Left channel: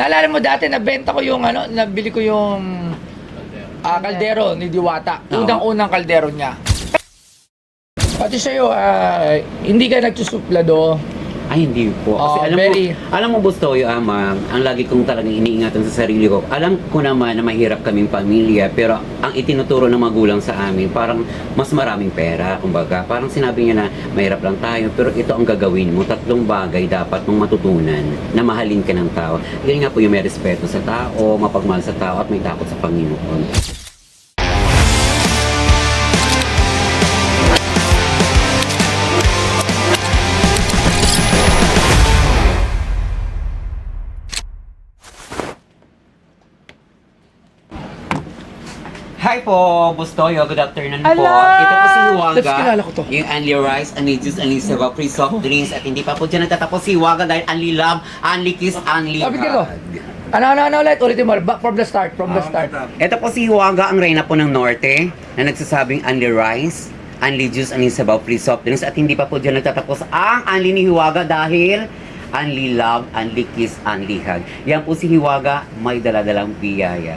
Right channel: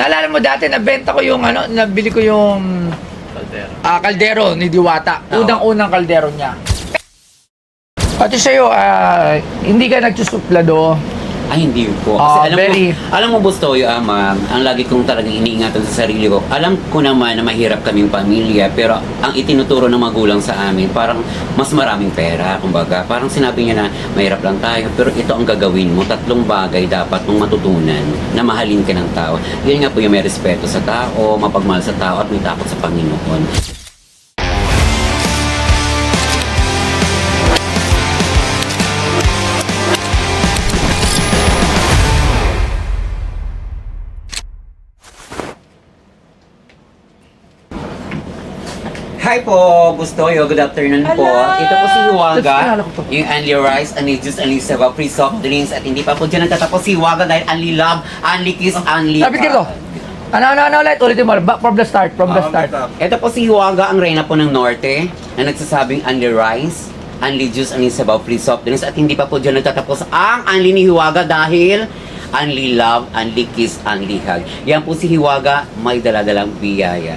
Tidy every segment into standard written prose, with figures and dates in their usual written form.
Naalala mo dati, nabenta ko yung ano, nabili ko yung kaldero ni Diwata. Unang-unang kaldero niya. Pati sa'yo, hindi ka nagsusuplado. Ay, hindi po. Kasi alam mo Bustoyo, ma'am, ang lagi kong talagang iniingatan sa sarili ko, alam ko naman na mahirap kaming pamilya, pero ang itinuturo ng magulang sa amin, parang mas maraming pera, kumbaga. Parang sinabi niya na mahirap lang tayo, pero ito ang gagawin mo. 3 bagay dapat mong matutunan na mahalin ka ng tao. Yun nga po yung may respeto sa tao, mapagmahal sa tao, at may takot sa Panginoon. Hi po, Bustoyo. Good afternoon po. Hello! Ito po si Hiwaga. Kilala ko to. Yung Only Rice, Only Juice, Only Sabaw, Free Soft Drinks. At hindi pa po dyan nagtatapos si Hiwaga dahil Only Love, Only Kiss, Only Lapit ka to. Ano ulit? Ulitin mo. Back from the start. Ito po si Hiwaga, ang reyna po ng Norte, na nagsasabing Only Rice, Only Juice, Only Sabaw, Free Soft Drinks. At hindi pa po dyan nagtatapos ang Only ni Hiwaga dahil Only Love, Only Kiss, Only Hug. Yan po si Hiwaga, may daladalang biyaya.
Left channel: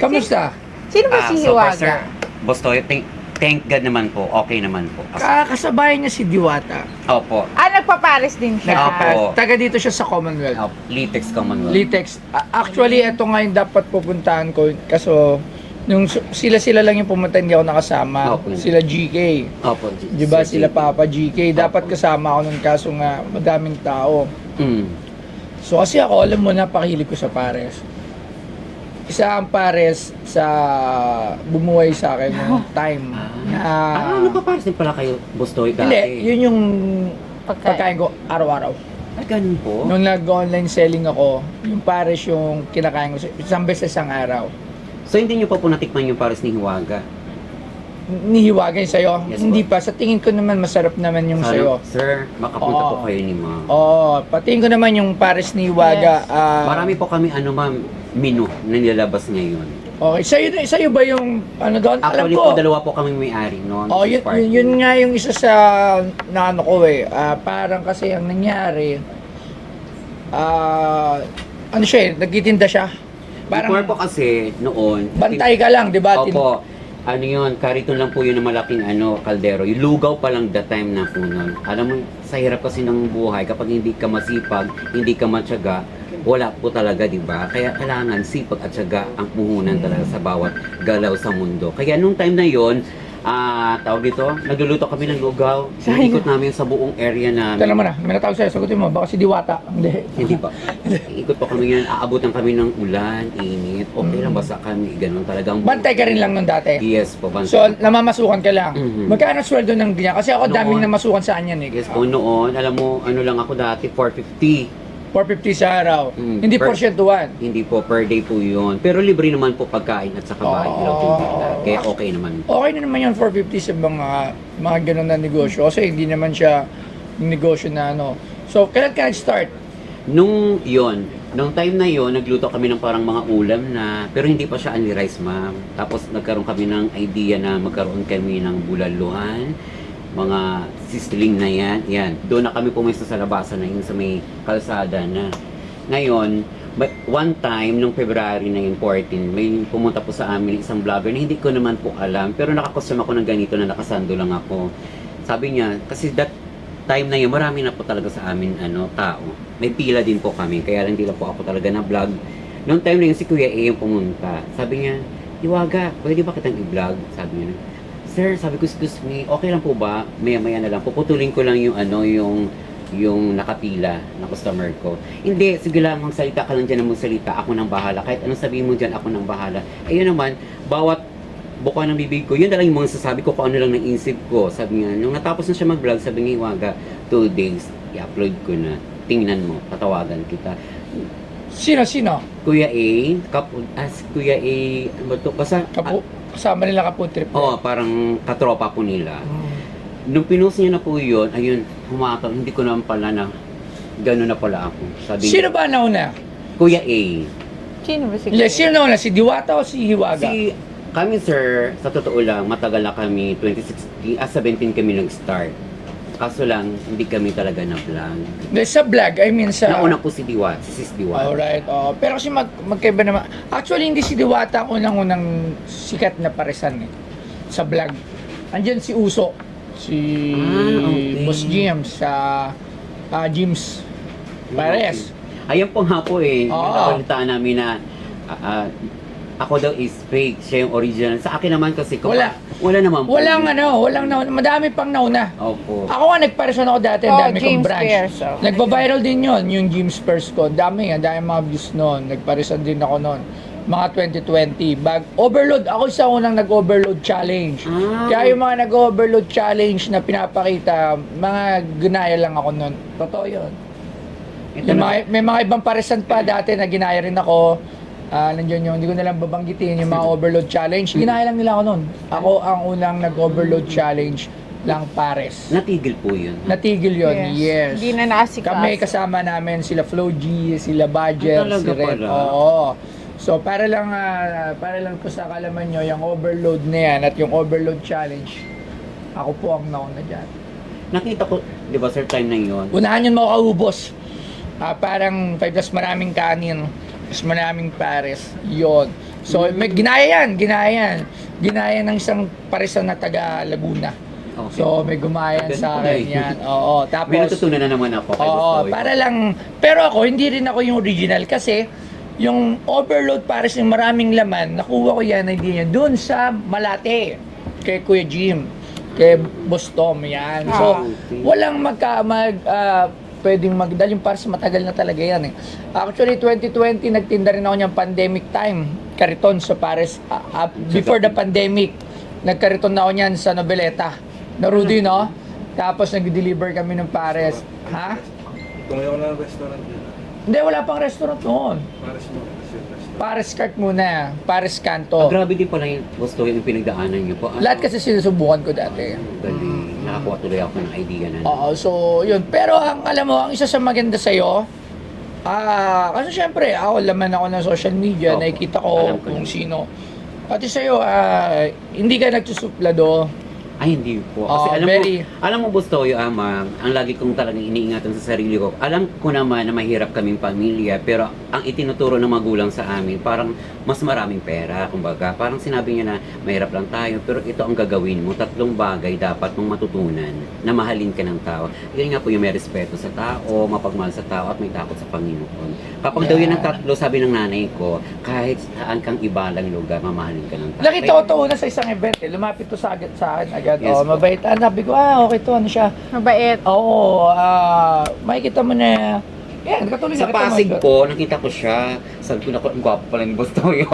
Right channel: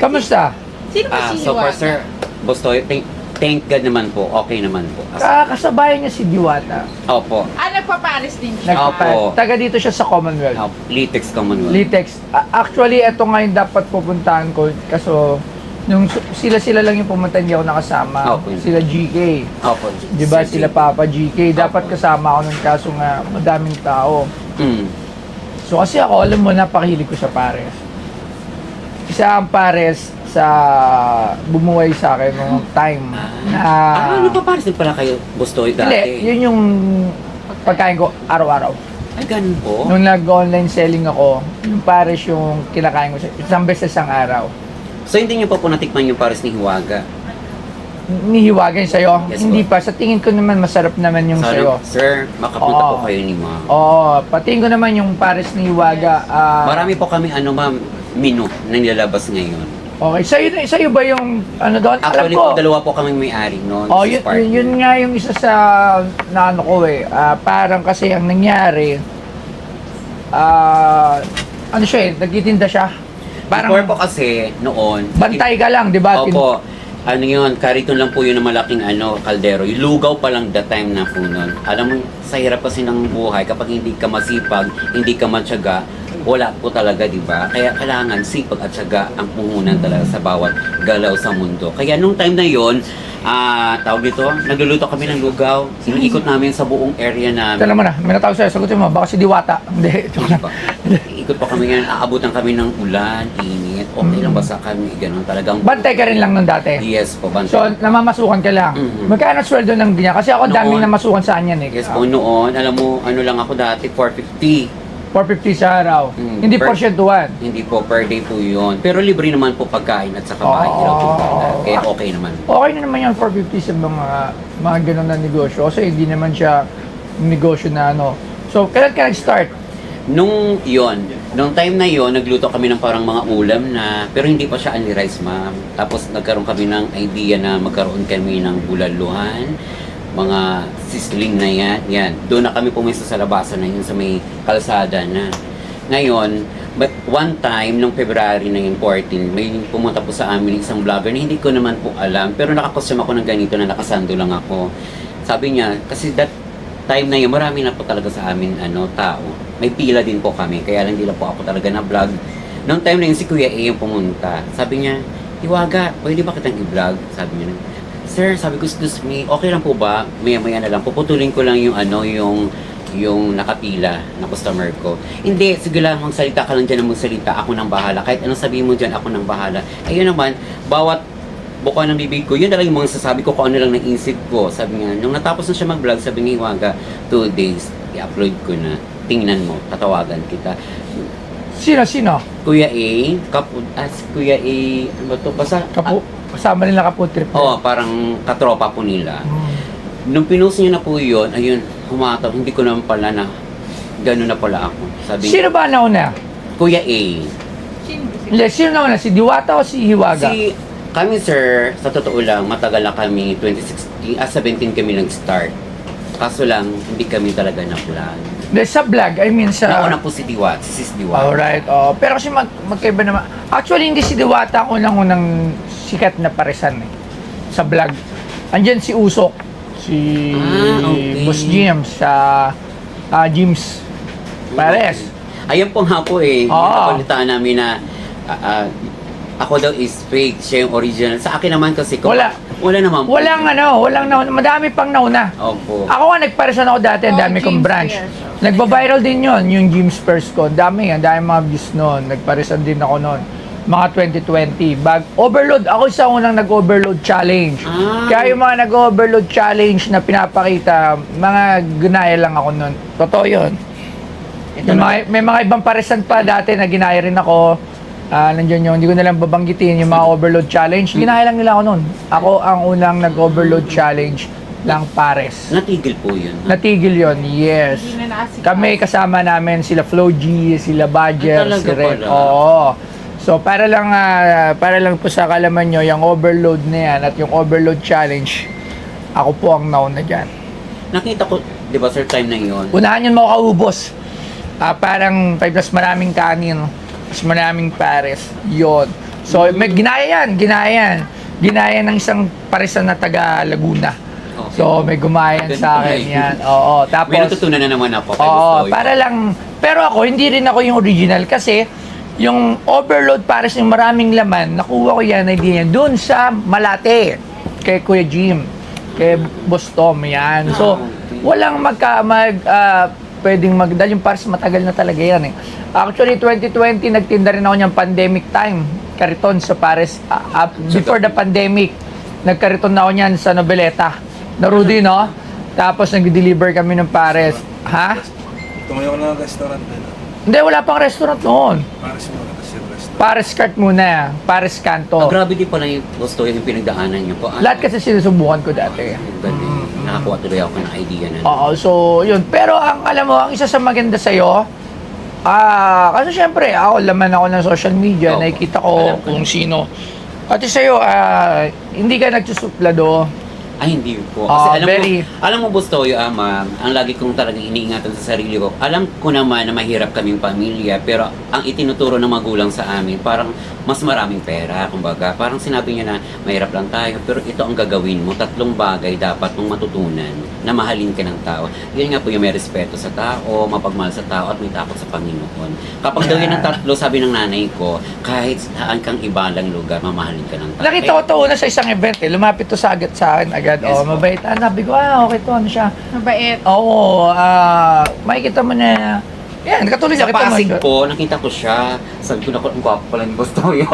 Kamusta? Sino ba si So Hiwaga? far, sir, Bustoy, thank God naman po. Okay naman po. Kasabay niya si Diwata. Opo. Nagpapares din siya. Opo. Taga dito siya sa Commonwealth. Litex Commonwealth. Litex. Actually, ito ngayon dapat pupuntahan ko. Kaso, nung sila lang yung pumunta, hindi ako nakasama. Opo. Sila GK. Opo. Di ba? Sir Sila Jake. Papa GK. Dapat kasama ako nun kaso nga madaming tao. Mm. So kasi ako, alam mo, napakahilig ko sa pares. Isa ang pares sa bumuhay sa akin nung time na... Nagpapares din pala kayo, Bustoy, dati? Hindi, yun yung pagkain ko araw-araw. Ay, ganun po? Nung nag-online selling ako, yung pares yung kinakain ko isang beses ang araw. So, hindi niyo pa po natikman yung pares ni Hiwaga? Nihiwagan sa'yo? Yes, Hindi po. pa. Sa tingin ko naman masarap naman yung sa'yo. Sir, makapunta po Oo. kayo ni ma'am. Oo, patingin ko naman yung pares ni Hiwaga. Marami po kami, ma'am, menu na nilalabas ngayon. Okay, sa'yo ba yung ano doon? Actually Alam ko, po, 2 po kaming may-ari noon. oh, This is partner. yun nga yung isa sa naano ko eh. Parang kasi ang nangyari, ano siya eh, nagtitinda siya. Before po kasi, noon, Bantay ka lang, di ba? opo, ano yun, kariton lang po yun ng malaking kaldero. Yung lugaw pa lang the time na po nun. Alam mo, sa hirap kasi ng buhay, kapag hindi ka masipag, hindi ka matyaga, wala po talaga, di ba? Kaya kailangan sipag at syaga ang puhunan talaga sa bawat galaw sa mundo. Kaya nung time na yon, tawag dito, nagluluto kami ng lugaw. Ikot namin sa buong area namin. Ito naman may natawag sa'yo, sagutin mo, baka si Diwata. Hindi. Hindi pa. Ikot pa kami ngayon, aabutan kami ng ulan, init. Okay lang basta kami, ganun talagang... Bantay ka rin lang nung dati. Yes po, bantay. So, namamasukan ka lang. Mhm. Magkano sweldo ng ganyan? Kasi ako daming Noon. namasukan sa anyan eh. Yes po, noon, alam mo, ano lang ako dati, 450. 450 sa araw. Mm, Hindi per- porsyentuhan. Hindi po, per day po yun. Pero libre naman po pagkain at saka bahay Oh. ilaw po nila. Kaya okay naman. Okay na naman yung 450 sa mga ganun na negosyo. Kasi hindi naman siya negosyo na ano. So, kailan ka nag-start? Nung time na yon, nagluto kami ng parang mga ulam na, pero hindi pa siya only rice, ma'am. Tapos nagkaroon kami ng idea na magkaroon kami ng bulaluhan, mga sizzling na yan. Doon na kami pumisto sa labasan na yun sa may kalsada na. Ngayon, but one time, nung February na yun, 14, may pumunta po sa amin isang vlogger na hindi ko naman po alam, pero nakakostume ako ng ganito na nakasando lang ako. Sabi niya, kasi that time na yun, marami na po talaga sa amin tao. May pila din po kami, kaya lang hindi lang po ako talaga na vlog. Nung time na yun, si Kuya A yung pumunta. Sabi niya, Hiwaga, pwede ba kitang i-vlog? Sabi niya, Sir, sabi ko, excuse me, okay lang po ba? Maya-maya na lang, puputulin ko lang yung yung nakapila na customer ko. Hindi, sige lang, magsalita ka lang dyan na magsalita, ako nang bahala. Kahit anong sabihin mo dyan, ako nang bahala. Ayun naman, bawat buka ng bibig ko, yun na lang yung mga sasabi ko kung ano lang naisip ko. Sabi nga, nung natapos na siya mag-vlog, sabi nga, Hiwaga, 2 days, i-upload ko na. Tingnan mo, tatawagan kita. Sino? Kuya A, Kuya A, ano ba to? Basta, Kasama nila Kapu Trip. parang katropa po nila. Hmm. Nung pinost niya na po yun, ayun, humataw, hindi ko naman pala na gano'n na pala ako. Sabi Sino ba nauna? Kuya A. Sino ba si Sino nauna? Si Diwata o si Hiwaga? Kami sir, sa totoo lang, matagal na kami, 2016, 17 kami nag-start. Kaso lang, hindi kami talaga na-vlog. Sa vlog, I mean sa... Nauna po si Diwata, si Sis Diwata. Alright, pero kasi magkaiba naman. Actually, hindi si Diwata ang unang sikat na paresan sa vlog. Andyan si Usok, si okay. Boss James sa James Pares. Ayun po nga po Ah. nakabalitaan namin na ako daw is fake, siya yung original. Sa akin naman kasi, wala naman po. Walang nauna. Madami pang nauna. Opo. Ako nga, nagparesan ako dati, ang dami kong James branch. Pierce, okay. Nagba-viral din yon yung James Pierce ko. Ang dami mga views noon. Nagparesan din ako noon. Mga 2020. Overload. Ako isa unang nag-overload challenge. Kaya yung mga nag-overload challenge na pinapakita, mga ginaya lang ako noon. Totoo yun. May mga ibang paresan pa dati na ginaya rin ako. Nandiyan yun, hindi ko na lang babanggitin yung mga overload challenge. Ginaya lang nila ako noon. Ako ang unang nag-overload challenge ng Pares. Natigil po yun. Natigil yon, yes. Hindi na nakasikas. Kami kasama namin sila Flo G, sila Badger, talaga si Red. pala? Oo. So para lang po sa kalaman nyo, yung overload na yan at yung overload challenge, ako po ang nauna dyan. Nakita ko, di ba sir, time na yun? Unahan yun makaubos. Parang mas maraming kanin, mas maraming pares. Yon. So may ginaya yan. Ginaya ng isang paresan na taga Laguna. Okay. So may gumayan sa akin yan. Oo. Tapos, May natutunan na naman ako kay Gusto. para lang, pero ako, hindi rin ako yung original kasi yung overload para sa maraming laman, nakuha ko yan, idea niya, doon sa Malate, kay Kuya Jim, kay Boss Tom, yan. So, okay. walang pwedeng magdal yung pares, matagal na talaga yan Actually, 2020, nagtinda rin ako niyang pandemic time, kariton sa pares, before the pandemic, nagkariton na ako niyan sa Noveleta, na Rudy, no? Tapos nag-deliver kami ng pares. Ha? Tumayo na ng restaurant din. Hindi, wala pang restaurant noon. Paris mo kasi restaurant. Pares Cart muna, Pares Kanto. Grabe din pala yung Gusto yung pinagdaanan niyo po. Lahat kasi sinusubukan ko dati. Galing. Nakakuha tuloy ako ng idea na. Oo, so yun. Pero alam mo, ang isa sa maganda sa'yo, kasi syempre, laman ako ng social media, Opo. nakikita ko Alam ko kung yun. sino. Pati sa'yo, hindi ka nagsusuplado. Ay, hindi po. Kasi alam mo Gusto yung ang lagi kong talagang iniingatan sa sarili ko. Alam ko naman na mahirap kaming pamilya, pero ang itinuturo ng magulang sa amin, parang mas maraming pera, kumbaga. Parang sinabi niya na mahirap lang tayo, pero ito ang gagawin mo. 3 bagay dapat mong matutunan na mahalin ka ng tao. Yan nga po yung may respeto sa tao, mapagmahal sa tao, at may takot sa Panginoon. Kapag daw yun ang 3, sabi ng nanay ko, kahit saan kang ibalang lugar, mamahalin ka ng tao. Nakita ko to una sa isang event lumapit to sa akin agad. Yes, po. Mabait. Sabi ko, okay to, ano siya. Mabait. Oo, makikita mo na, yan, katulad Sa nakita mo Pasig ito. po, nakita ko siya. Sabi ko, naku, ang gwapo pala ni Gusto yun.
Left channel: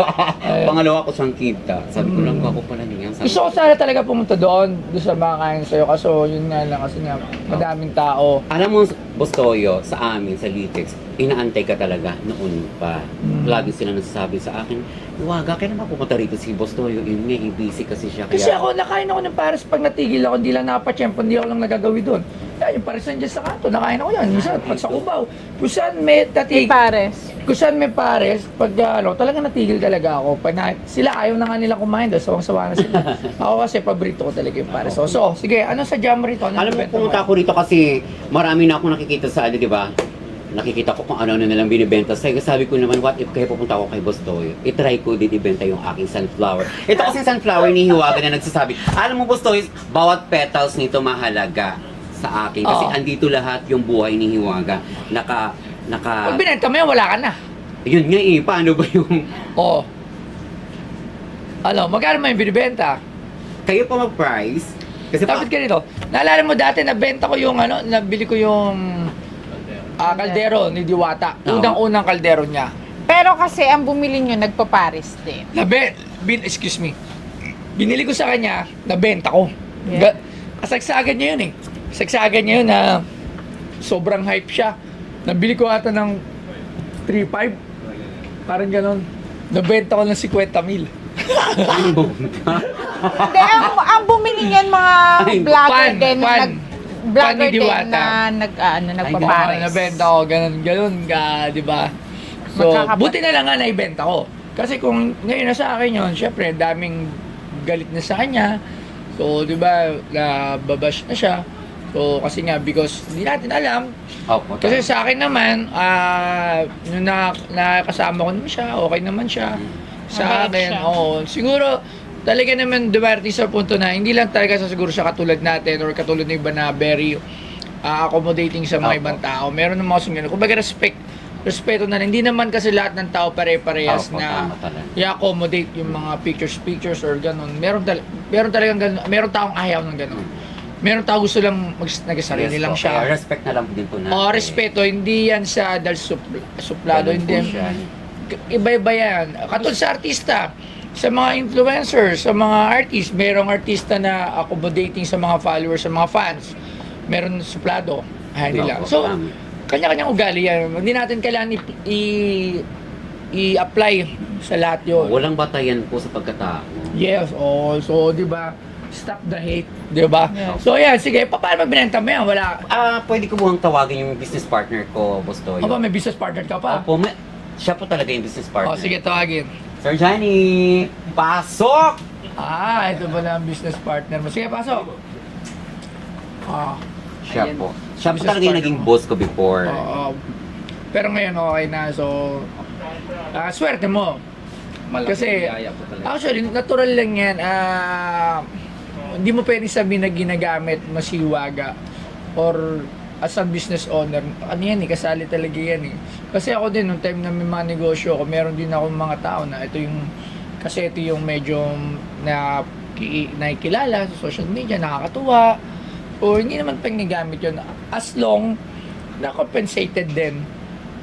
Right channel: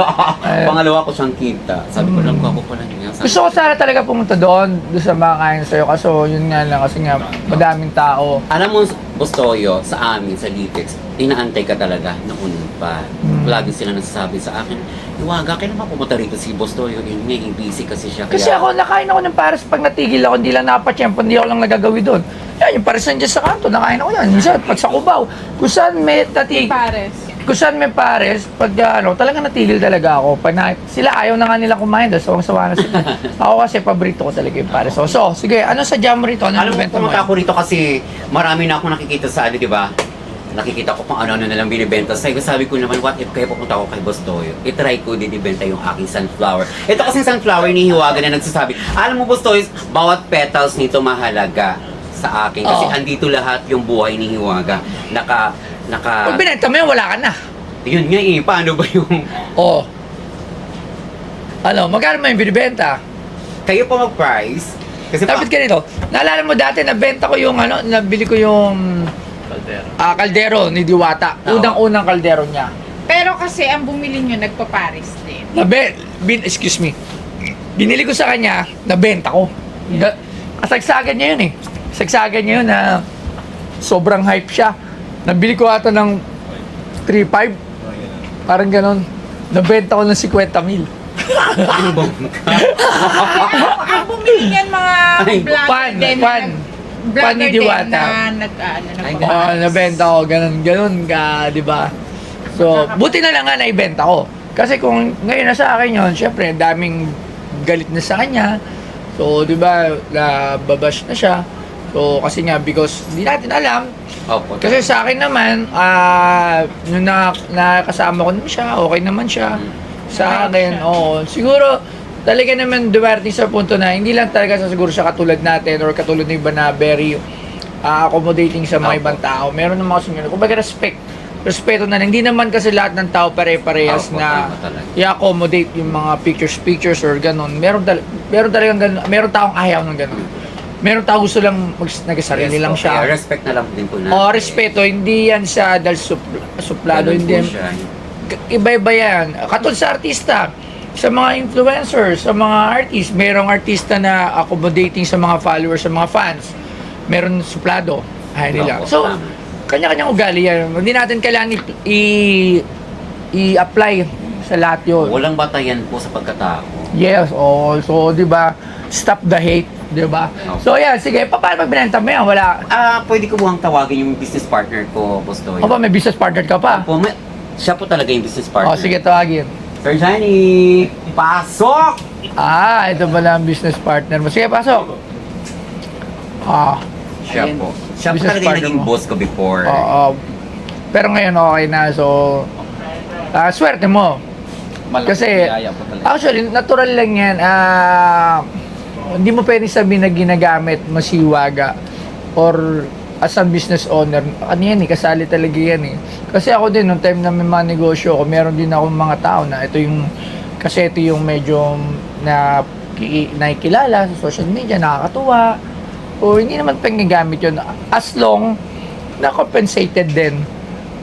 Pangalawa ko siyang kita. Sabi ko, ang gwapo pala niya. Sabi Gusto ko sana talaga pumunta doon sa mga kain sa'yo. Kaso yun nga lang, kasi nga madaming tao. Alam mo, Gustoyo, sa amin, sa Litex, inaantay ka talaga noon pa. Lagi sila nagsasabi sa akin, Iwaga, kailan ba pumunta rito si Gustoyo? Yun nga, busy kasi siya. Kasi ako, nakain ako ng pares pag natigil ako, hindi lang napatsyempo, hindi ako lang nagagawi doon. Yan, yung pares nandiyan sa kanto, nakain ako yan. Minsan, pag sa Cubao, kung saan may natigil, Pares. kung saan may pares, pag talaga natigil talaga ako. Sila ayaw na nga nila kumain dahil sawang-sawa na sila. Ako kasi, paborito ko talaga yung pares. So, sige, ano sa jam rito? Ano Alam mo, benta pumunta ako rito kasi marami na akong nakikita sa di ba? Nakikita ko kung ano-ano na lang binibenta. Sabi ko naman, what if kaya pupunta ako kay Gustoyo? I-try ko din ibenta yung aking sunflower. Ito kasing sunflower ni Hiwaga na nagsasabi, alam mo Gustoyo, bawat petals nito mahalaga sa akin. Kasi Oo. andito lahat yung buhay ni Hiwaga. Pag binenta mo yan, wala ka na. Yun nga paano ba yung... Oo. Ano, magkano mo yung binibenta? Kayo pa mag-price? Kasi Dapat ganito, naalala mo dati, nabenta ko yung nabili ko yung kaldero ni Diwata. Oo. Unang-unang kaldero niya. Pero kasi ang bumili nyo, nagpa-Paris din. Excuse me. Binili ko sa kanya, nabenta ko. Kasagsagan niya yun eh. Kasagsagan niya yun na sobrang hype siya. Nabili ko ata ng 3.5. Parang ganon. Nabenta ko ng 50,000. Kaya ang bumili niyan mga vlogger Pan, din. pan. Pan ni Diwata. Nagpa-Paris. Nabenta ko, ganun ka, di ba? So, buti na lang nga naibenta ko. Kasi kung ngayon na sa akin yun, syempre, daming galit na sa kanya. So, di ba, nababash na siya. So, kasi nga, because hindi natin alam. Opo. Kasi sa akin naman, nung nakasama ko naman siya, okay naman siya. Sa Mabait akin, siya. oo. Siguro, talaga naman dumating sa punto na hindi lang talaga sa siguro siya katulad natin or katulad ng iba na very accommodating sa mga Opo. ibang tao. Meron ng mga sumino. Kumbaga respeto na lang. Hindi naman kasi lahat ng tao pare-parehas Opo, na tama talaga. i-accommodate yung mga pictures or ganun. Meron talagang ganun. Meron taong ayaw ng ganun. Meron tao gusto lang nagsarili Yes lang po. siya. Kaya respect na lang din po natin. O, respeto, hindi yan siya dahil suplado, Ganun hindi po yan. siya. Iba-iba yan. Katulad sa artista, sa mga influencers, sa mga artist, merong artista na accommodating sa mga followers, sa mga fans. Meron suplado. Ay, nila. Opo, So, tama. kanya-kanyang ugali yan. Hindi natin kailangan i-apply sa lahat yun. Walang batayan po sa pagkatao. Yes, so, di ba, stop the hate, di ba? So, yan, sige, paano magbinenta mo yan? Wala. Pwede ko buwang tawagin yung business partner ko, Boss Toyo. Aba, may business partner ka pa. Opo, siya po talaga yung business partner. O, sige, tawagin. Sir Johnny, pasok! Ito pala ang business partner mo. Sige, pasok. Siya po. Siya po Business talaga yung partner naging mo. boss ko before. Pero ngayon okay na, so swerte mo. Malaking Kasi, biyaya po talaga. actually, natural lang yan. Hindi mo pwede sabihin na ginagamit mo si Hiwaga or as a business owner. Ano yan kasali talaga yan Kasi ako din, nung time na may mga negosyo ko, meron din ako mga tao na ito yung medyo nakikilala sa social media, nakakatuwa. O hindi naman panggagamit yun. As long na compensated din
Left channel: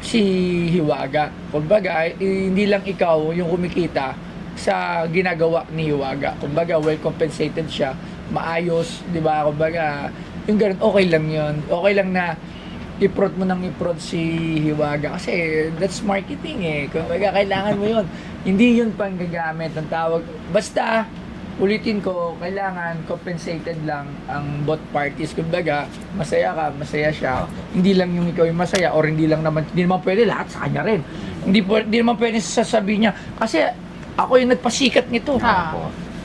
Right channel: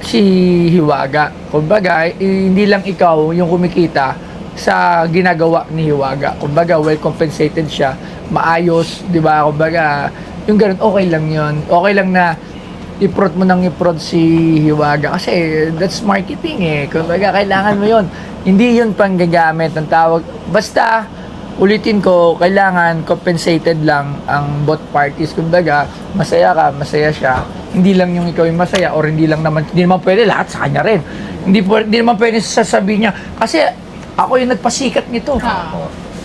si Hiwaga. Kumbaga, hindi lang ikaw yung kumikita sa ginagawa ni Hiwaga. Kumbaga, well compensated siya, maayos, di ba? Kumbaga, yung ganun, okay lang yun. Okay lang na i-prod mo nang i-prod si Hiwaga kasi that's marketing Kumbaga, kailangan mo yun. Hindi yun panggagamit ng tawag. Basta, ulitin ko, kailangan compensated lang ang both parties. Kumbaga, masaya ka, masaya siya. Hindi lang yung ikaw yung masaya or hindi naman pwede lahat sa kanya rin. Hindi naman pwede sasabihin niya kasi ako yung nagpasikat nito.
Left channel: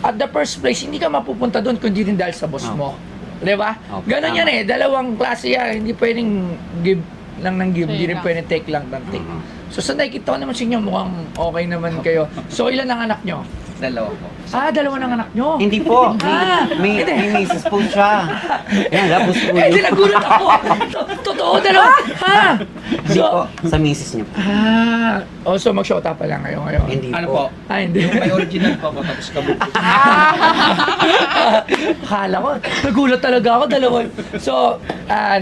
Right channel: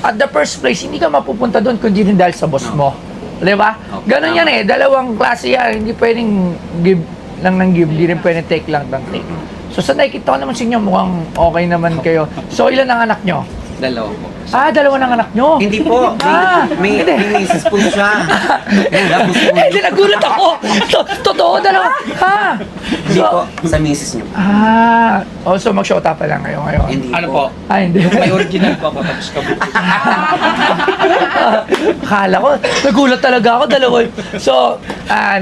At the first place, hindi ka mapupunta doon kundi rin dahil sa boss mo. Di ba? Ganun yan dalawang klase yan. Hindi pwedeng give lang ng give, hindi rin pwedeng take lang ng take. So sa nakikita ko naman sa inyo, mukhang okay naman kayo. So ilan ang anak nyo? Dalawa po. Dalawa ng anak nyo? Hindi po. May misis po siya. Tapos po Hindi, nagulat ako. Totoo, dalawa. Hindi po. Sa misis niyo po. So mag-shota pa lang kayo ngayon. Hindi Ano po? Hindi. Yung may original po ako tapos kabuti. Akala ko, nagulat talaga ako, dalawa. So,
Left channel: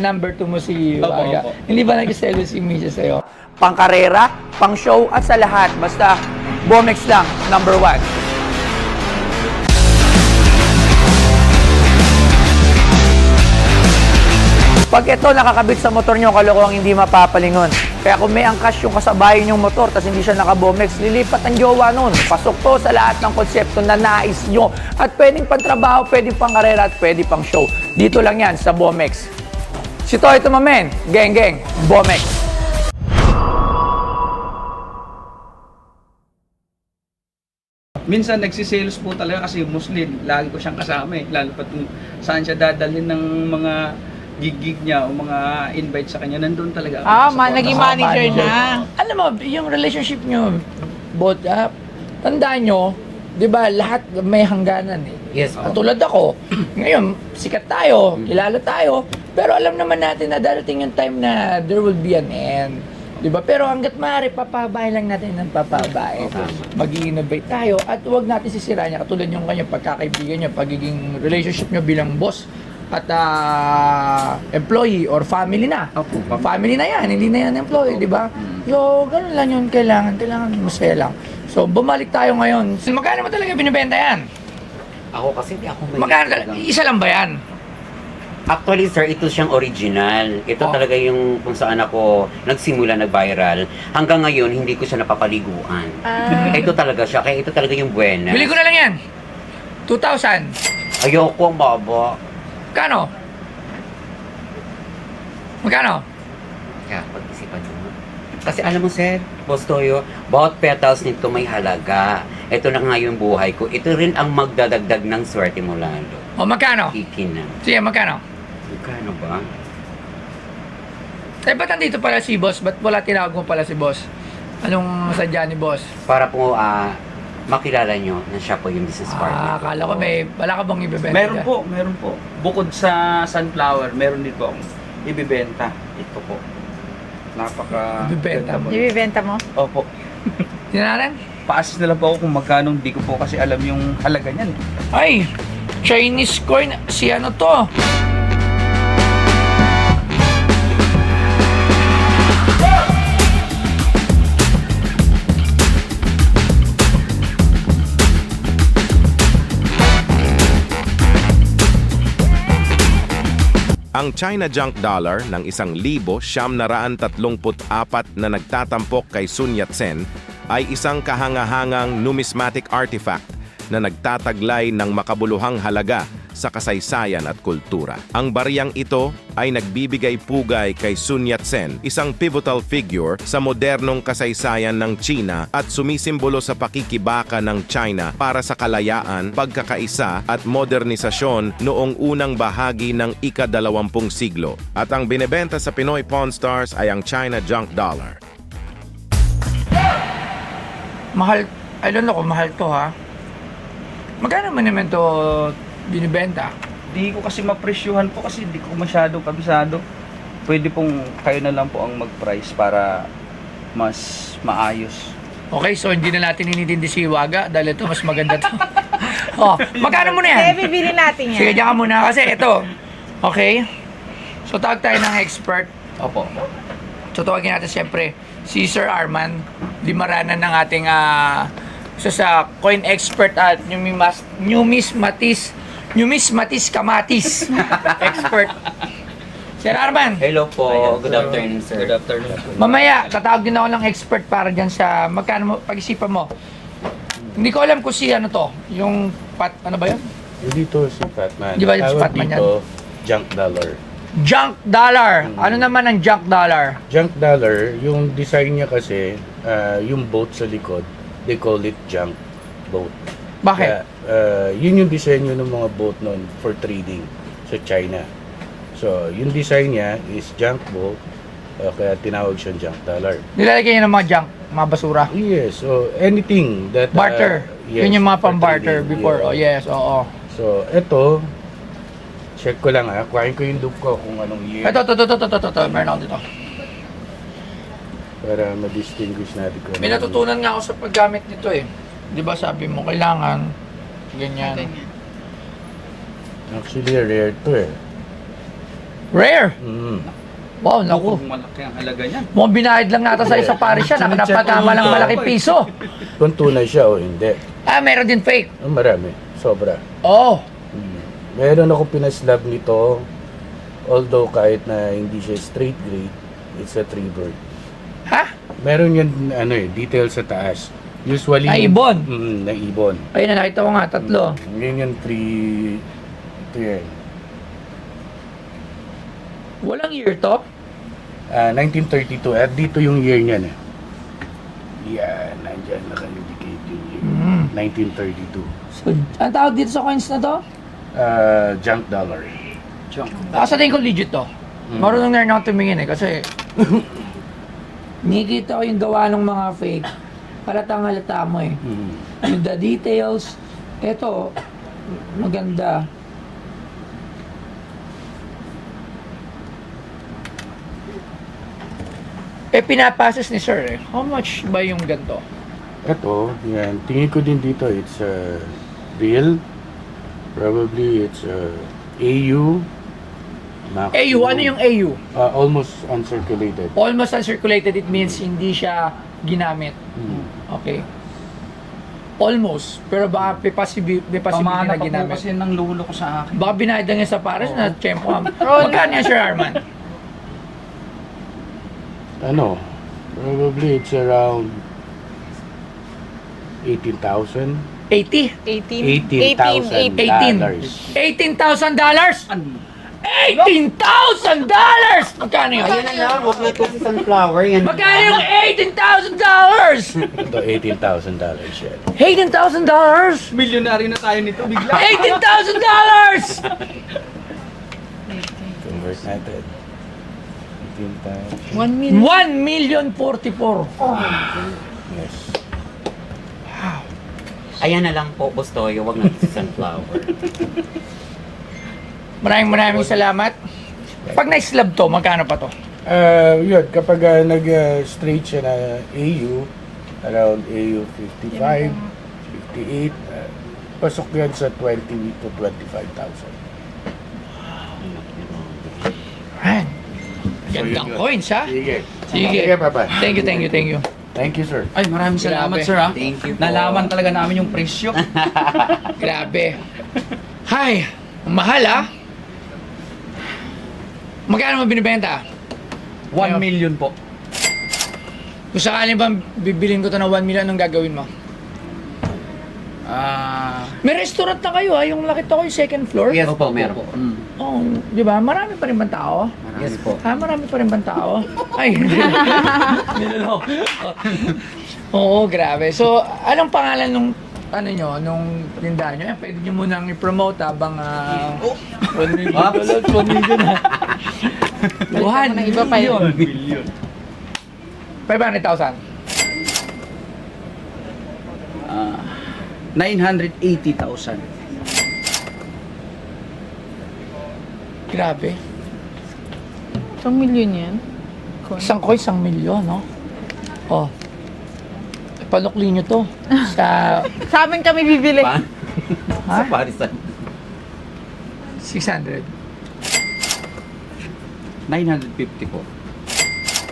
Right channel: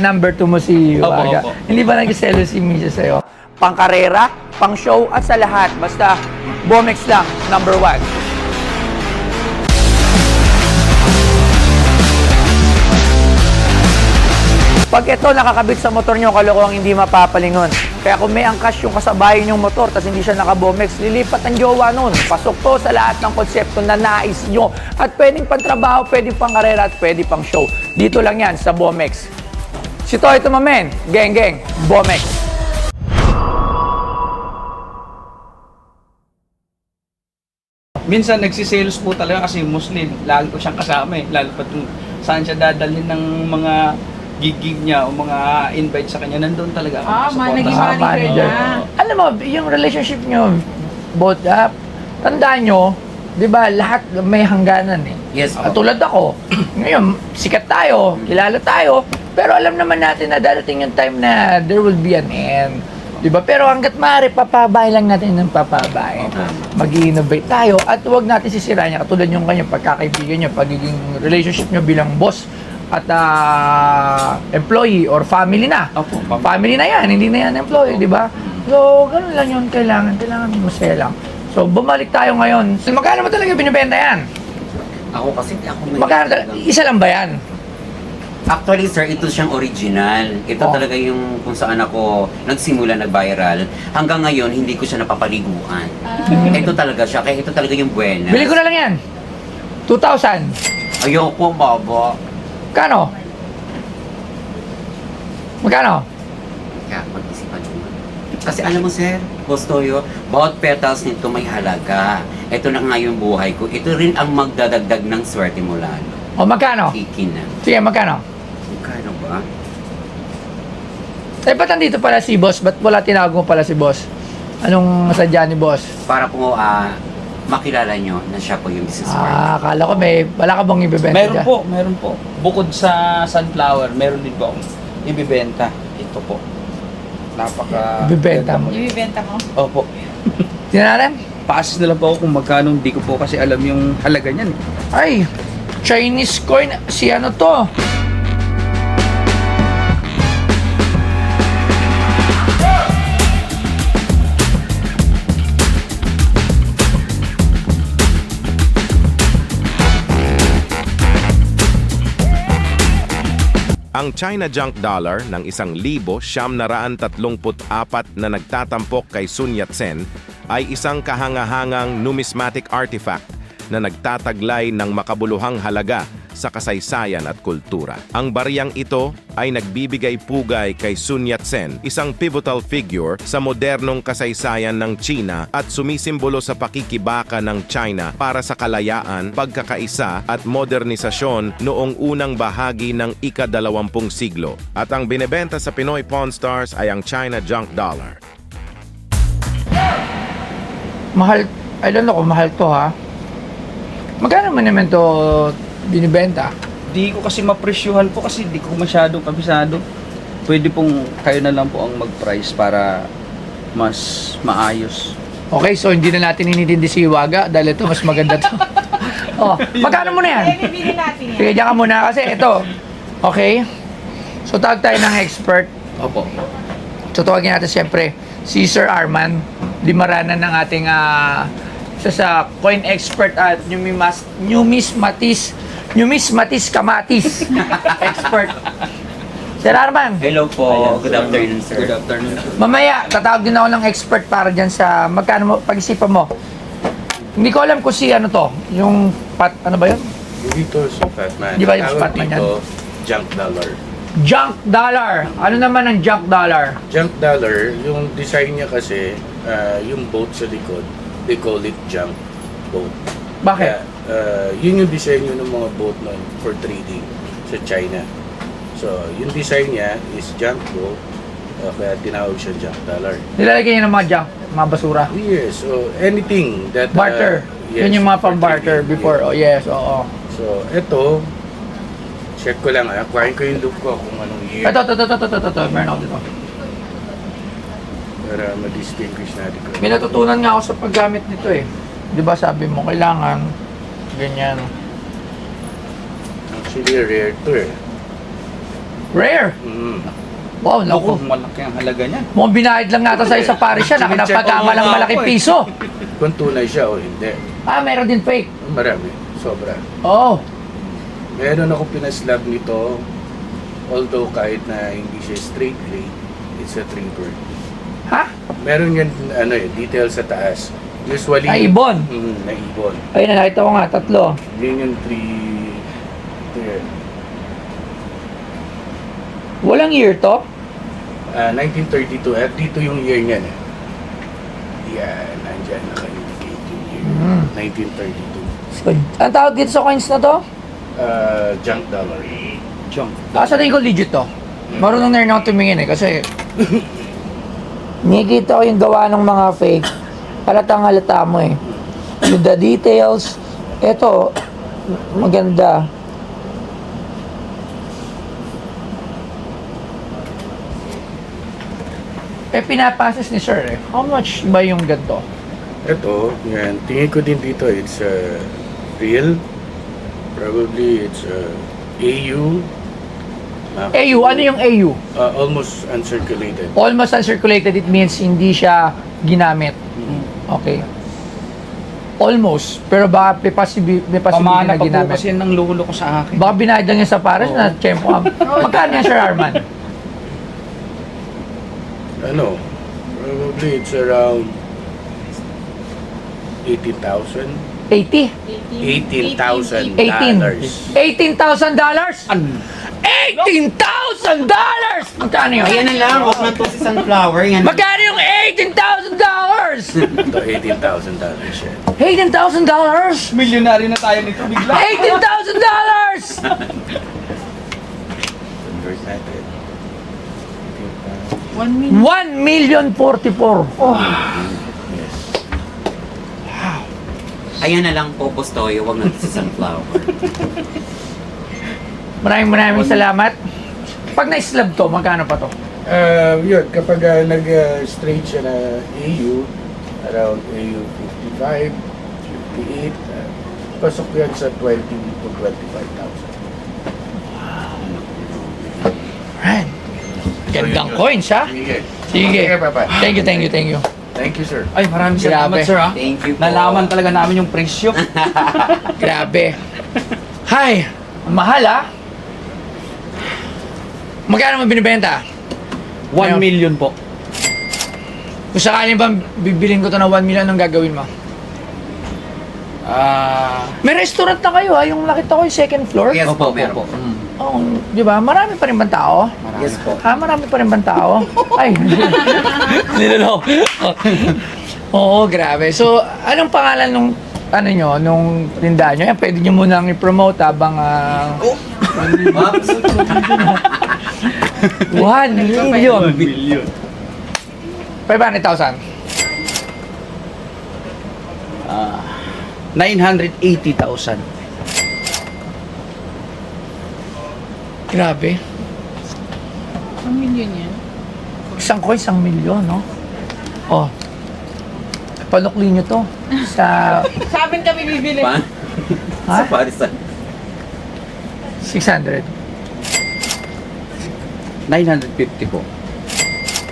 number 2 mo si Hiwaga. Opo. Hindi ba nag-selo si Misha sa'yo? Pang karera, pang show, at sa lahat. Basta, Bomex lang, number 1. Pag ito nakakabit sa motor nyo, kalokohang hindi mapapalingon. Kaya kung may angkas yung kasabayan yung motor tapos hindi siya naka-Bomex, lilipat ang jowa nun. Pasok to sa lahat ng konsepto na nais nyo. At pwedeng pantrabaho, pwedeng pang karera, at pwedeng pang show. Dito lang yan sa Bomex. Si Toy Tumamen, geng, Bomex. Minsan nagsisales po talaga kasi Muslim. Lagi ko siyang kasama Lalo pa kung saan siya dadalhin ng mga gig niya o mga invite sa kanya. Nandun talaga ako. Naging Kasama. manager na. Alam mo, yung relationship nyo, both, tandaan nyo, di ba, lahat may hangganan Yes po. Katulad ako, ngayon, sikat tayo, kilala tayo, pero alam naman natin na darating yung time na there will be an end. Di ba? Pero hanggat maaari, papabay lang natin ng papabay. Mag-i-innovate tayo at huwag natin sisirain niya. Katulad yung kanyang pagkakaibigan niya, pagiging relationship niya bilang boss at employee or family na. Opo, Family na yan, hindi na yan employee, di ba? So, ganun lang yun, kailangan masaya lang. So, bumalik tayo ngayon. Magkano mo talaga binibenta yan? Ako kasi ako may... Magkano? Isa lang ba yan? Actually, sir, ito siyang original. Ito talaga yung kung saan ako nagsimula na viral. Hanggang ngayon, hindi ko siya napapaliguan. Ito talaga siya. Kaya ito talaga yung buena. Bili ko na lang yan. 2,000. Ayoko, mabo. Kano? Magkano? Kaya, pag-isipan mo. Kasi alam mo, sir, Boss Toyo, bawat petals nito may halaga. Ito na nga yung buhay ko. Ito rin ang magdadagdag ng swerte mo lalo. O magkano? Ikin na. Sige, magkano? Magkano Eh, ba't nandito pala si boss? Ba't wala tinawag mo pala si boss? Anong sadya ni boss? Para po makilala nyo na siya po yung business partner. Akala ko wala ka bang ibebenta Meron dyan? po, meron po. Bukod sa sunflower, meron din po akong ibibenta. Ito po. Napaka... Ibibenta mo? Ibibenta mo? Opo. Tinaran? Pasis na lang po ako kung magkano, hindi ko po kasi alam yung halaga niyan. Ay, Chinese coin. Si ano to? Ang China Junk Dollar ng 1,934 na nagtatampok kay Sun Yat-sen ay isang kahangahangang numismatic artifact na nagtataglay ng makabuluhang halaga sa kasaysayan at kultura. Ang bariyang ito ay nagbibigay pugay kay Sun Yat-sen, isang pivotal figure sa modernong kasaysayan ng China at sumisimbolo sa pakikibaka ng China para sa kalayaan, pagkakaisa at modernisasyon noong unang bahagi ng ika-20 siglo. At ang binebenta sa Pinoy Pawn Stars ay ang China Junk Dollar. Mahal. I don't know kung mahal to ha. Magkano mo naman to binibenta? Di ko kasi mapresyuhan po kasi di ko masyadong kabisado. Pwede pong kayo na lang po ang mag-price para mas maayos. Okay, so hindi na natin inintindi si Waga dahil ito mas maganda to. Oh, magkano mo na yan? Eh, bibili natin yan. Sige, diyan ka muna kasi ito. Okay? So tawag tayo ng expert. Opo. So tawagin natin siyempre si Sir Arman Limaranan ng ating isa sa coin expert at numismatis kamatis expert. Sir Arman, Hello po. Good afternoon, sir. Good afternoon. mamaya tatawag din ako ng expert para dyan sa magkano mo, pag-isipan mo. Hindi ko alam kung si ano to, yung ano ba yun? Dito si Fatman. Di ba yung si Fatman yan? dito, junk dollar. Junk dollar. Ano naman ang junk dollar? Junk dollar, yung design niya kasi, yung boat sa likod, they call it junk boat. Bakit? Kaya, yun yung disenyo ng mga boat noon for trading sa China. So, yung design niya is junk boat, kaya tinawag siya junk dollar. Nilalagay niya ng mga junk, mga basura. Yes, so anything that... Barter. yes, Yun yung mga for pang-barter trading, before. yes. Oh, yes, oo. So, eto, check ko lang kuhain ko yung loop ko kung anong year. Ito. Meron ako dito. Para ma-distinguish natin ko. May natutunan nga ako sa paggamit nito eh. Di ba sabi mo, kailangan ganyan. Actually, rare to eh. Rare! Mm. Wow, naku. Kung malaki ang halaga niyan. Mukhang binayad lang nata sa isa pare siya. Nakapagkamalang malaking piso. Kung tunay siya o hindi. Meron din fake. Marami. Sobra. Oo. Meron akong pinaslab nito. Although kahit na hindi siya straight grade, it's a trigger. Ha? Meron yun, detail sa taas. Usually... Ibon. Na ibon. Ayun na, nakita ko nga, 3. Yun yung 3... Ito yun. Walang year to? 1932. At dito yung year niyan eh. Yan, nandyan naka-indicate yung year. 1932. So, ang tawag dito sa coins na to? Junk dollar. Chong. Sa tingin ko legit to. Marunong na rin ako tumingin eh, kasi nakikita ko yung gawa ng mga fake. Halatang halata mo eh. Yung the details, eto, maganda. Pinapasas ni sir eh. How much ba yung ganito? Ito, yan. Tingin ko din dito, it's real. Probably it's AU. AU, ano yung AU? Almost uncirculated. Almost uncirculated, it means hindi siya ginamit. Okay. Almost. Pero baka may possibility Pamana na pa po ginamit. kasi ng lolo ko sa akin. Baka binayad lang niya sa pares na tiyempo. Magkano yan, Sir Arman? Probably it's around 80,000. 80? 18,000 18. dollars. $18,000? $18,000! Magkano yun? Ayan na lang, huwag na to si Sunflower. Yan. Magkano yung $18,000? Ito, $18,000 yan. $18,000? Milyonaryo na tayo nito bigla. $18,000! Convert natin. 18,000. 1 million. 1,044,000. Oh. Yes. Wow. Ayan na lang po, Boss Toyo, wag na si Sunflower. Maraming salamat. Pag na-slab to, magkano pa to? Yun, kapag nag-straight siya na AU, around AU 55, 58, pasok yan sa 20 to 25,000. Ayan. Gandang coins, ha? Sige. Sige. Sige, bye-bye. Thank you. Thank you, sir. Ay, maraming salamat, Grabe. sir, ha? Thank you po. Nalaman talaga namin yung presyo. Grabe. Hay, ang mahal, ha? Magkano mo binibenta? 1 million po. Kung sakaling ba bibilin ko to na 1 million, anong gagawin mo? May restaurant na kayo, ha? Yung nakita ko yung second floor. Yes po, meron po. Oh, di ba? Marami pa rin bang tao? Yes po. Ha? Marami pa rin bang tao? Ay, niloloko. Oo, grabe. So, anong pangalan nung nung tindahan nyo? Yan, pwede nyo munang i-promote habang 1 million. 1 million. 1 million. 500,000. 980,000. Grabe. 1 million yan. Isang ko, 1 milyon, no? Oh. Panukli nyo to. Sa, Sa amin kami bibili. Pa? ha? Sa Parisan. 600. 950 po.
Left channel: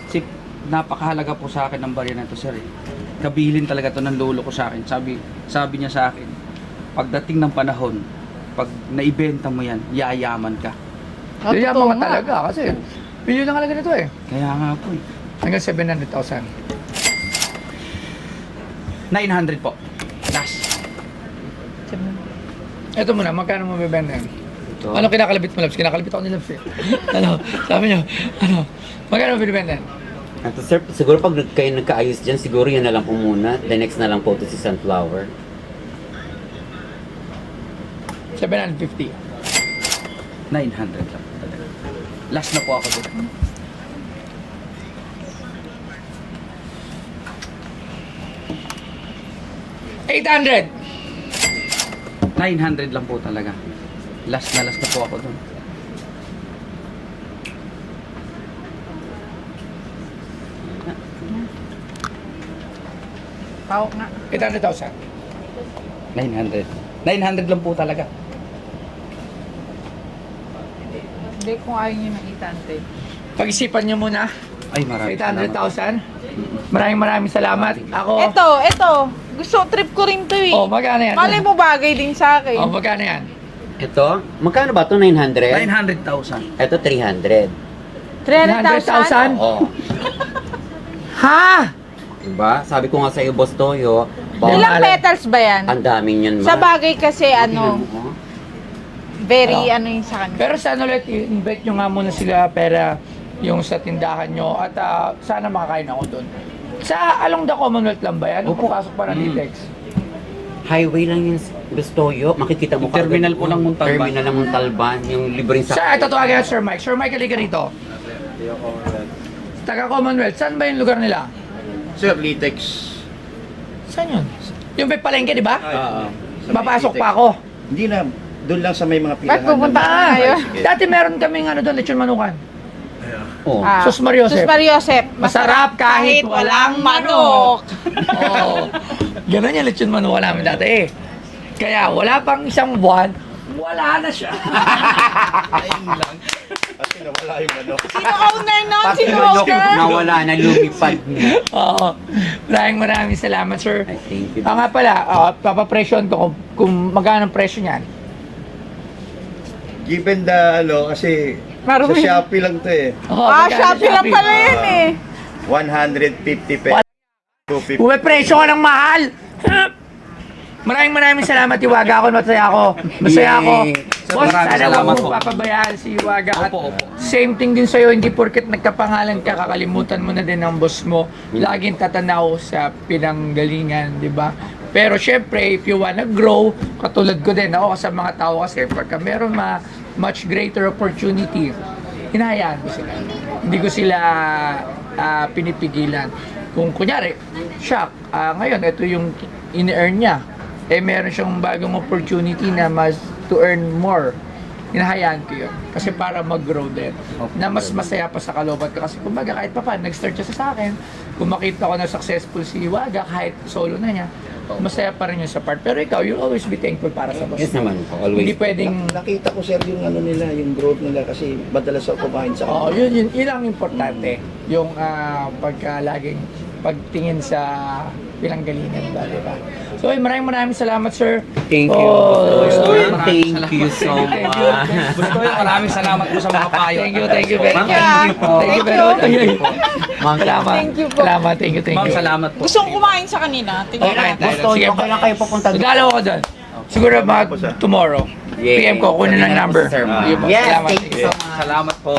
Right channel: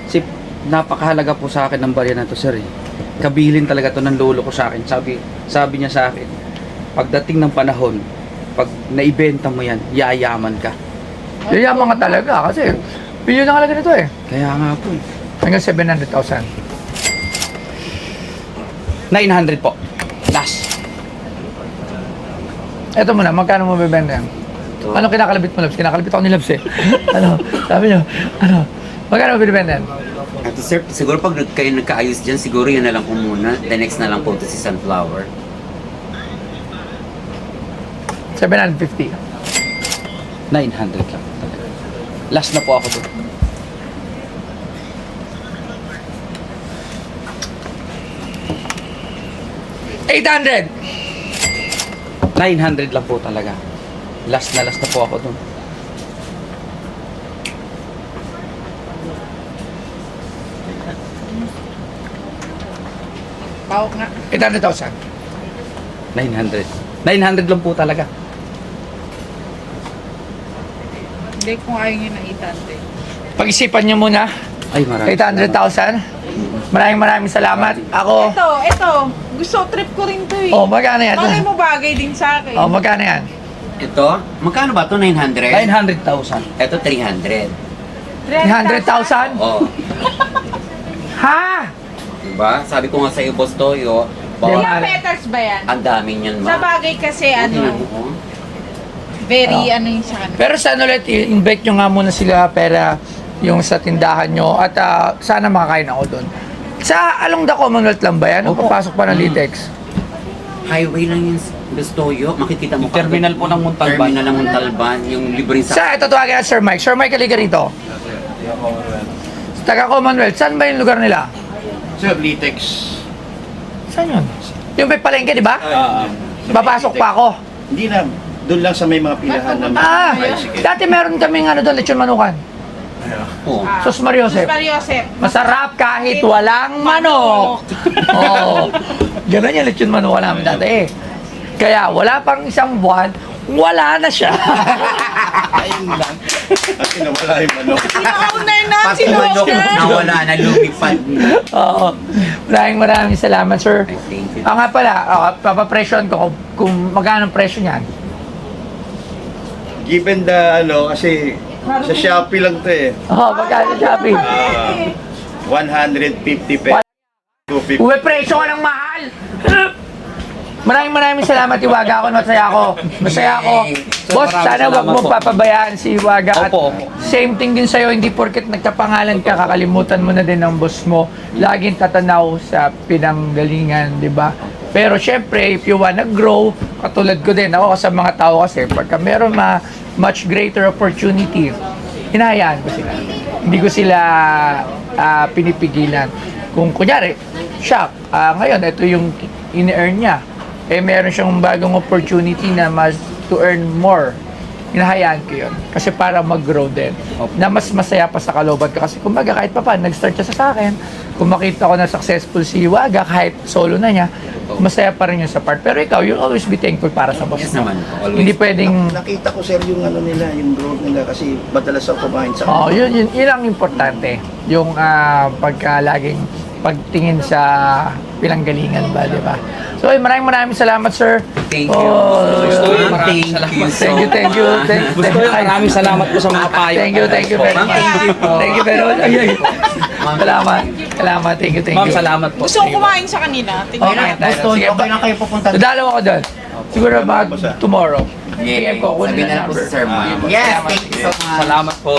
Si napakahalaga po sa akin ng barya na to, sir. Kabilin talaga to ng lolo ko sa akin. Sabi niya sa akin, pagdating ng panahon, pag naibenta mo yan, yayaman ka. Yayaman ka talaga kasi bilyon na kalaga nito eh. Kaya nga po eh. Hanggang 700,000. 900 po. Last. Eto muna, magkano mo bibenta yan? Ano kinakalabit mo, Labs? Kinakalabit ako ni Labs eh. Sabi niyo, magkano mo binibenta yan? At sir, siguro pag kayo nagkaayos dyan, siguro yan na lang po muna. The next na lang po to si Sunflower. 750. 900 lang talaga. Last na po ako doon. $800. 900 lang po talaga. Last na po ako doon. Pao nga. 800,000. 900. 900 lang po talaga. Hindi, kung ayaw nyo na itante. Pag-isipan niyo muna. Ay, maraming salamat. 800,000. Maraming salamat. Ako, Ito. Gusto trip ko rin to eh. oh, magkano yan? Malay mo bagay din sa akin. Oh, magkano yan? Ito, magkano ba ito? 900? 900,000. Ito 300. 300,000? Oh, Ha? diba? Sabi ko nga sa iyo, Boss Toyo, Ilang petals ba yan? ang dami niyan, Sa bagay kasi Tingnan ano, mo, oh. very Ano? ano yung sa kanila. Pero sana ulit, i-invite nyo nga muna sila pera yung sa tindahan nyo at sana makakain ako doon. Sa Along the Commonwealth lang ba yan? O Opo. papasok pa ng Litex? Highway lang yung Boss Toyo. Makikita mo Yung terminal kagad po ng Montalban. Terminal ng Montalban, yung libreng Sa, ito tawagan na Sir Mike. Sir Mike, halika rito. Taga Commonwealth, saan ba yung lugar nila? So, Litex. Saan yun? Yung may palengke, di ba? Ah, Papasok pa ako. hindi na. Doon lang sa may mga pilahan Ba't pupunta na Ah, kayo? dati meron kaming ano doon, lechon manukan. Oh. Sus Mariosep. Sus Mariosep. Masarap kahit walang manok. Oo. Ganun yung lechon manukan namin dati eh. Kaya wala pang isang buwan, wala na siya. Ayun lang. Ay, nawala yung manok. Sino owner na? Sino Patulog owner? na wala na, lumipad na. Oo. Maraming salamat, sir. Ay, thank you. Nga pala, papapresyon ko kung magkano ang presyo niyan. Given the kasi Parang sa may- Shopee lang to eh. Magkano Shopee lang Shopee? pala yan eh. 150 pesos. 250. Uwe, presyo ka ng mahal! Maraming salamat, Iwaga. Ako, masaya ako. Masaya ako. Yay. Boss, Maraming sana wag salamat mo po. papabayaan si Iwaga. At Opo, opo. same thing din sa'yo, hindi porket nagkapangalan ka, kakalimutan mo na din ang boss mo. Laging tatanaw sa pinanggalingan, di ba? Pero syempre, if you wanna grow, katulad ko din, ako sa mga tao kasi, pagka meron much greater opportunity, hinahayaan ko sila. Hindi ko sila pinipigilan. Kung kunyari, shock, ngayon, ito yung in-earn niya. Meron siyang bagong opportunity na to earn more. Hinahayaan ko yun. Kasi para mag-grow din. Na mas masaya pa sa kalooban ka. Kasi kumbaga kahit pa paano, nag-start siya sa akin. Kung makita ko na successful si Waga, kahit solo na niya, masaya pa rin yun sa part. Pero ikaw, you'll always be thankful para sa boss Yes mo. naman po, always. Hindi pwedeng... Nakita ko sir yung ano nila, yung growth nila kasi madalas ako kumain sa Oo, yun ang importante. Yung pagka laging pagtingin sa pinanggalingan ba, di ba? So, maraming salamat, sir. Thank you. Gusto yun, Thank maraming salamat. you so Thank you. much. Gusto yun, maraming salamat po sa mga payo. Thank you very Ma'am, much. thank you po. Thank you very much. Ay. Salamat. Salamat. Thank you. Ma'am, salamat po. Gusto ko kumain sa kanila. Okay, Gusto nyo, okay lang kayo pupunta dito. Dalaw ako doon. Siguro tomorrow. Yeah, PM ko, kunin sabihin ng na lang po number. sa Sir Ma'am. Yes, thank you so much. Salamat po.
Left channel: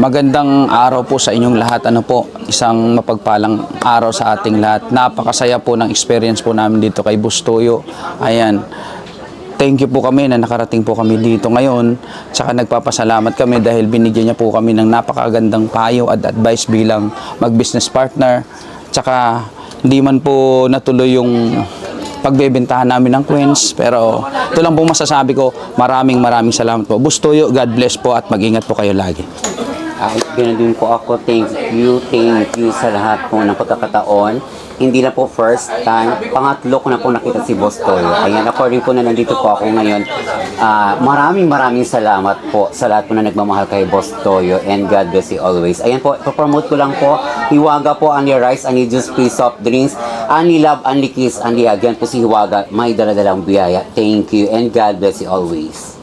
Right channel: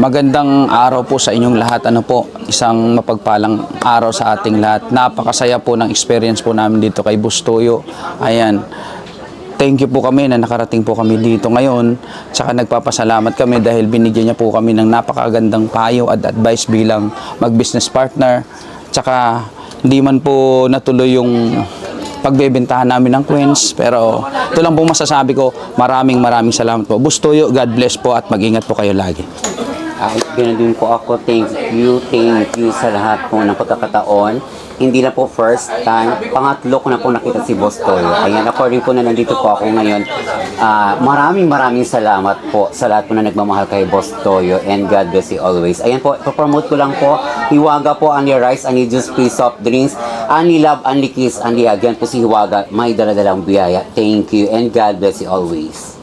Magandang araw po sa inyong lahat. Ano po, isang mapagpalang araw sa ating lahat. Napakasaya po ng experience po namin dito kay Bustoyo. Ayan. Thank you po kami na nakarating po kami dito ngayon. Tsaka nagpapasalamat kami dahil binigyan niya po kami ng napakagandang payo at advice bilang mag-business partner. Tsaka hindi man po natuloy yung pagbebentahan namin ng Queens, pero ito lang po masasabi ko, maraming salamat po. Bustoyo, God bless po at mag-ingat po kayo lagi. Ganun din po ako. Thank you sa lahat po ng pagkakataon. Hindi na po first time, pangatlo ko na po nakita si Boss Toyo. Ayan, according po na nandito po ako ngayon. Maraming salamat po sa lahat po na nagmamahal kay Boss Toyo, and God bless you always. Ayan po, ipapromote ko lang po. Hiwaga po, only rice, only juice, free soft drinks, only love, only kiss, only again po si Hiwaga. May daladalang biyaya. Thank you and God bless you always.